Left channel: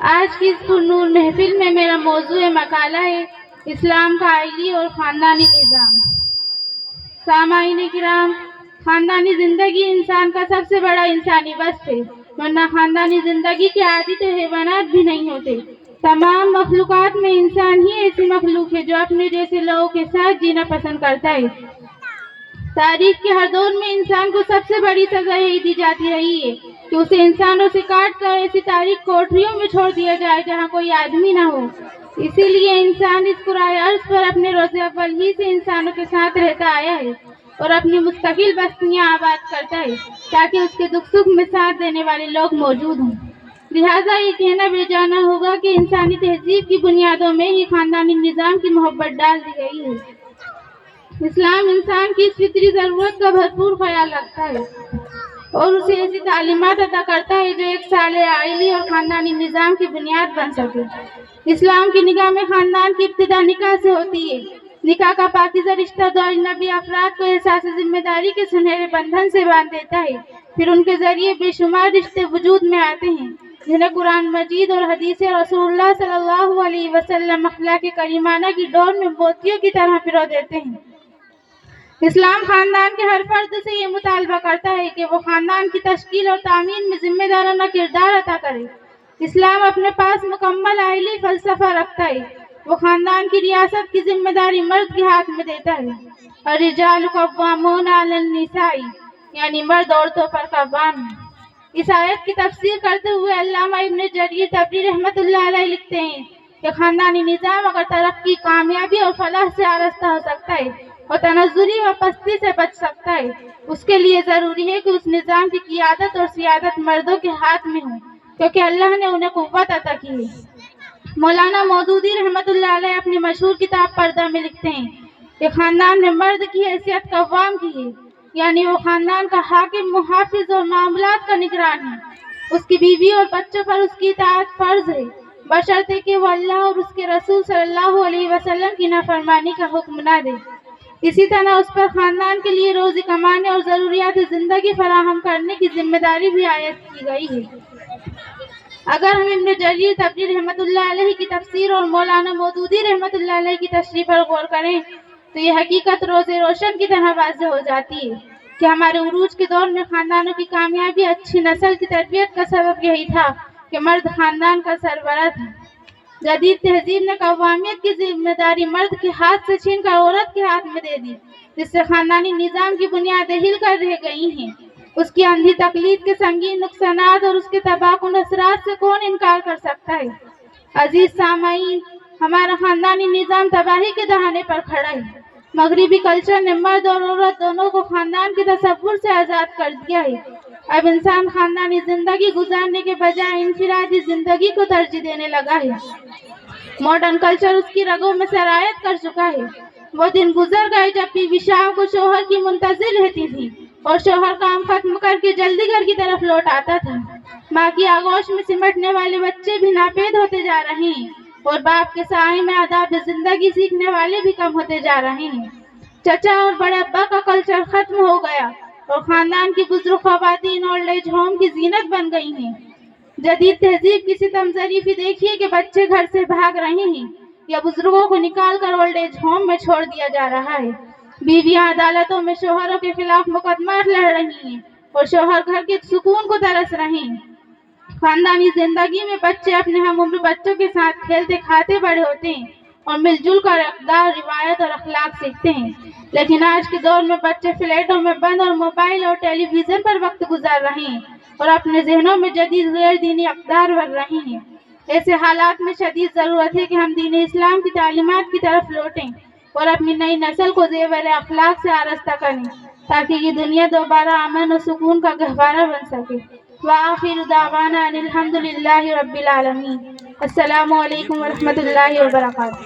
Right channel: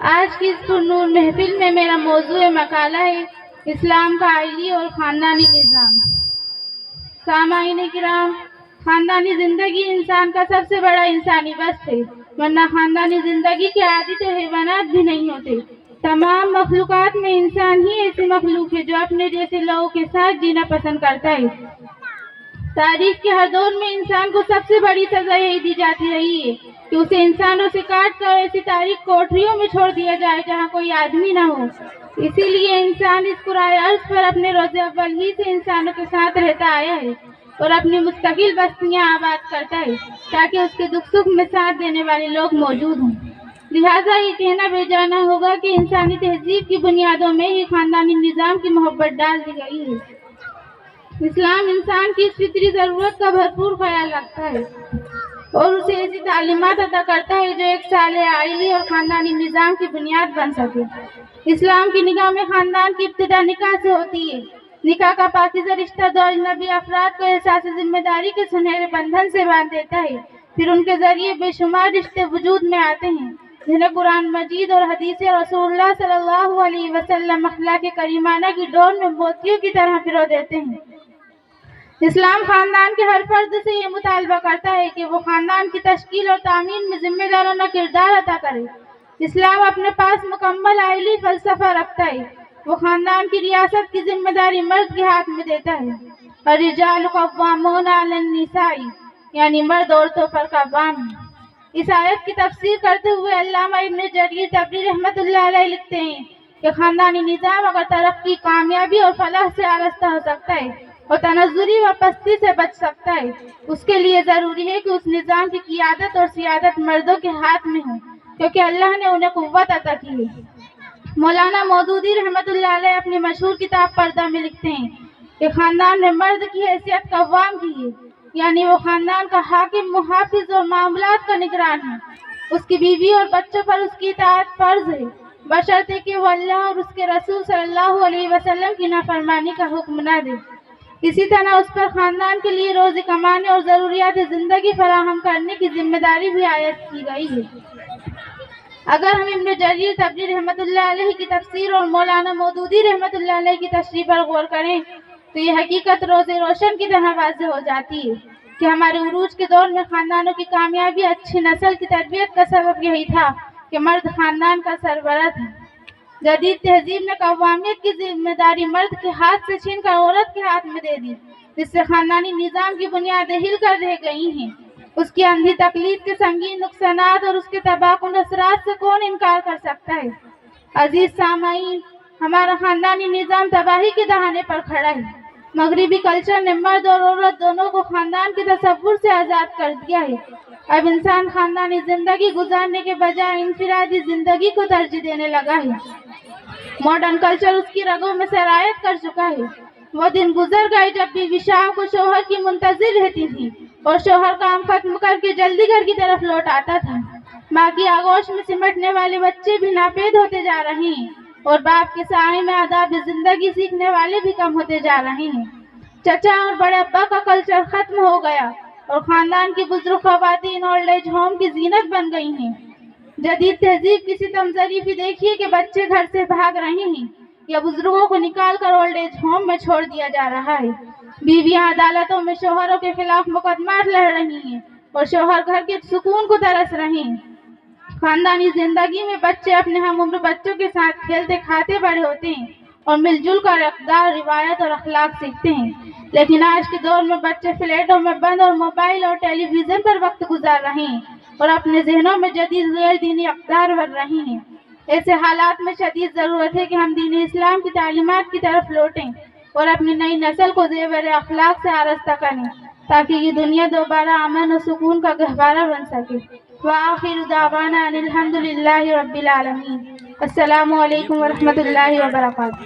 آج کی اس پرنور محفل میں میرا موضوع مقالہ ہے اسلام کا عائلی اور خاندانی نظام۔ سامعین کرام، خاندانی زندگی انسان کا سب سے بڑا انسانی وصف ہے، ورنہ خاندانی زندگی کے عادی تو حیوانات بھی نہیں ہوتے۔ تمام مخلوقات میں انسان ہی ایسی مخلوق ہے جو اپنے جیسے لوگوں کے ساتھ جینا پسند کرتا ہے۔ تاریخ کے ہر دور میں انسان کو سب سے بڑی سزا یہی دی جاتی رہی ہے کہ اسے انسانوں سے کاٹ کر ایسی تاریخ کوٹریوں میں چھوڑ دیا جائے جہاں کوئی آدمی نہ ہو۔ اسی لیے انسان اس کرۂ ارض پر اپنے روز اول ہی سے انسانوں کے ساتھ رہتا آیا ہے اور اپنی مستقل بستیاں آباد کرتا ہے تاکہ اس کے دکھ سکھ میں ساتھ دینے والے لوگ موجود ہوں۔ لہٰذا یہ کہنا بے جانا ہوگا کہ انسانی تہذیب کی بنیادوں میں ہی خاندانی نظام کی محبت ڈال دی گئی ہے۔ اسلام انسان کی اس فطری ضرورت کا بھرپور خیال رکھتا ہے اور اسے ایسی تعلیمات عطا کرتا ہے جو ایک صالح عائلی اور خاندانی نظام کی بنیاد بن سکے۔ اسلام کی نگاہ میں خاندان کی ابتدا نکاح سے ہوتی ہے۔ نکاح کا پاکیزہ رشتہ دو اجنبی افراد کو احساس ذمہ داری کے سنہرے بندھن سے باندھ دیتا ہے، پھر ان کے ذریعے بے شمار رشتے وجود میں آتے ہیں جنہیں قرآن مجید اور حدیث رسول اللہ صلی اللہ علیہ وسلم اخلاق کریمانہ کی ڈور میں موتیوں کی طرح پرو دیتے ہیں۔ اسلام خاندان کے ہر فرد سے یہ مطالبہ کرتا ہے کہ وہ خاندان کی تشکیل اور تعمیر میں ذمہ دارانہ کردار ادا کرے۔ اسلام اپنے پاس مکمل عائلی فلسفہ رکھتا ہے۔ وہ خاندان کی ریاست کی ذمہ داری مرد کے ہاتھ میں دیتا ہے۔ الرجال قوامون علی النساء، یعنی مرد عورتوں پر قوام ہے۔ اس آیت کی تفسیر کرتے ہوئے علامہ ابن جریر طبری رحمۃ اللہ علیہ لکھتے ہیں کہ خاندانی نظام اگر ترقی، کامیابی اور فلاح سے آراستہ ہو سکتا ہے اور تنزلی و پستی سے بچ سکتا ہے، اس کے لیے ضروری ہے کہ اس نظام کی قیادت اور سیادت مردوں کے ہاتھ میں ہو، کیونکہ اللہ نے انہیں قوت عطا کی ہے۔ مولانا مودودی رحمۃ اللہ علیہ اپنی مشہور کتاب پردہ میں لکھتے ہیں کہ خاندان میں مرد کی حیثیت قوام کی ہے، یعنی وہ خاندان کا حاکم، محافظ اور معاملات کا نگران ہے۔ اس کی بیوی اور بچوں پر اس کی اطاعت فرض ہے، بشرطے کہ وہ اللہ اور اس کے رسول صلی اللہ علیہ وسلم کی نافرمانی کا حکم نہ دے۔ اسی طرح اس پر خاندان کے لیے روزی کمانے اور ضروریات زندگی فراہم کرنے کی ذمہ داری بھی عائد کی گئی ہے۔ اگر ہم ابن جریر طبری رحمۃ اللہ علیہ کی تفسیر اور مولانا مودودی رحمۃ اللہ علیہ کی تشریح پر غور کریں تو یہ حقیقت روز روشن کی طرح واضح ہو جاتی ہے کہ ہمارے عروج کے دور میں خاندانوں کی کامیابی، اچھی نسل کی تربیت کا سبب یہی تھا کہ مرد خاندان کا سربراہ تھا۔ جدید تہذیب نے قوامیت کی ذمہ داری مرد کے ہاتھ سے چھین کر عورت کے ہاتھ میں دے دی، جس سے خاندانی نظام کی بنیادیں ہل کر رہ گئی ہیں۔ اس کی اندھی تقلید کے سنگین نقصانات اور اس کے تباہ کن اثرات سے کون انکار کر سکتا ہے؟ عزیز سامعین، ہمارا خاندانی نظام تباہی کے دہانے پر کھڑا ہے۔ مغربی کلچر نے مرد اور عورت دونوں کو خاندان کے تصور سے آزاد کر دیا ہے۔ اب انسان خاندانی زندگی گزارنے کے بجائے انفرادی زندگی کو ترجیح دینے لگا ہے۔ ماڈرن کلچر اس کی رگوں میں سرایت کر چکا ہے۔ وہ دن گزر گئے جب بیوی شام کو شوہر کی منتظر رہتی تھی اور شوہر کام ختم کر کے جلدی گھر کی طرف لوٹ آتا تھا۔ ماں کی آغوش میں سمٹنے والے بچے بھی ناپید ہوتے جا رہے ہیں اور باپ کے سائے میں آداب زندگی سیکھنے والے بھی کم ہوتے جا رہے ہیں۔ چچا اور بڑے ابا کا کلچر ختم ہو گیا اور خاندان کی بزرگ خواتین اولڈ ایج ہوم کی زینت بن گئی ہیں۔ جدید تہذیب کی ستم ظریفی دیکھیے کہ بچے گھر سے بھاگ رہے ہیں یا بزرگوں کو نکال کر اولڈ ایج ہوم میں چھوڑ دیا جا رہا ہے۔ بیویاں عدالتوں میں شوہروں کے خلاف مقدمات لڑ رہی ہیں اور شوہر گھر کے سکون کو ترس رہے ہیں۔ خاندانی زندگی میں بچے اپنے ہم عمر بچوں کے ساتھ کھیلتے کھاتے بڑے ہوتے ہیں اور مل جل کر اقدار، روایت اور اخلاق سیکھتے ہیں، لیکن آج کے دور میں بچے فلیٹوں میں بند اور موبائل اور ٹیلی ویژن پر وقت گزار رہے ہیں اور اپنے ذہنوں میں جدید غیر دینی اقدار بھر رہے ہیں۔ ایسے حالات میں شدید ضرورت ہے کہ ہم دین اسلام کی تعلیمات کی طرف لوٹیں اور اپنی نئی نسل کو زیور اخلاق سے آراستہ کریں تاکہ یہ دنیا دوبارہ امن و سکون کا گہوارہ بن سکے۔ وآخر دعوانا ان الحمد للہ رب العالمین۔ السلام علیکم ورحمۃ اللہ وبرکاتہ۔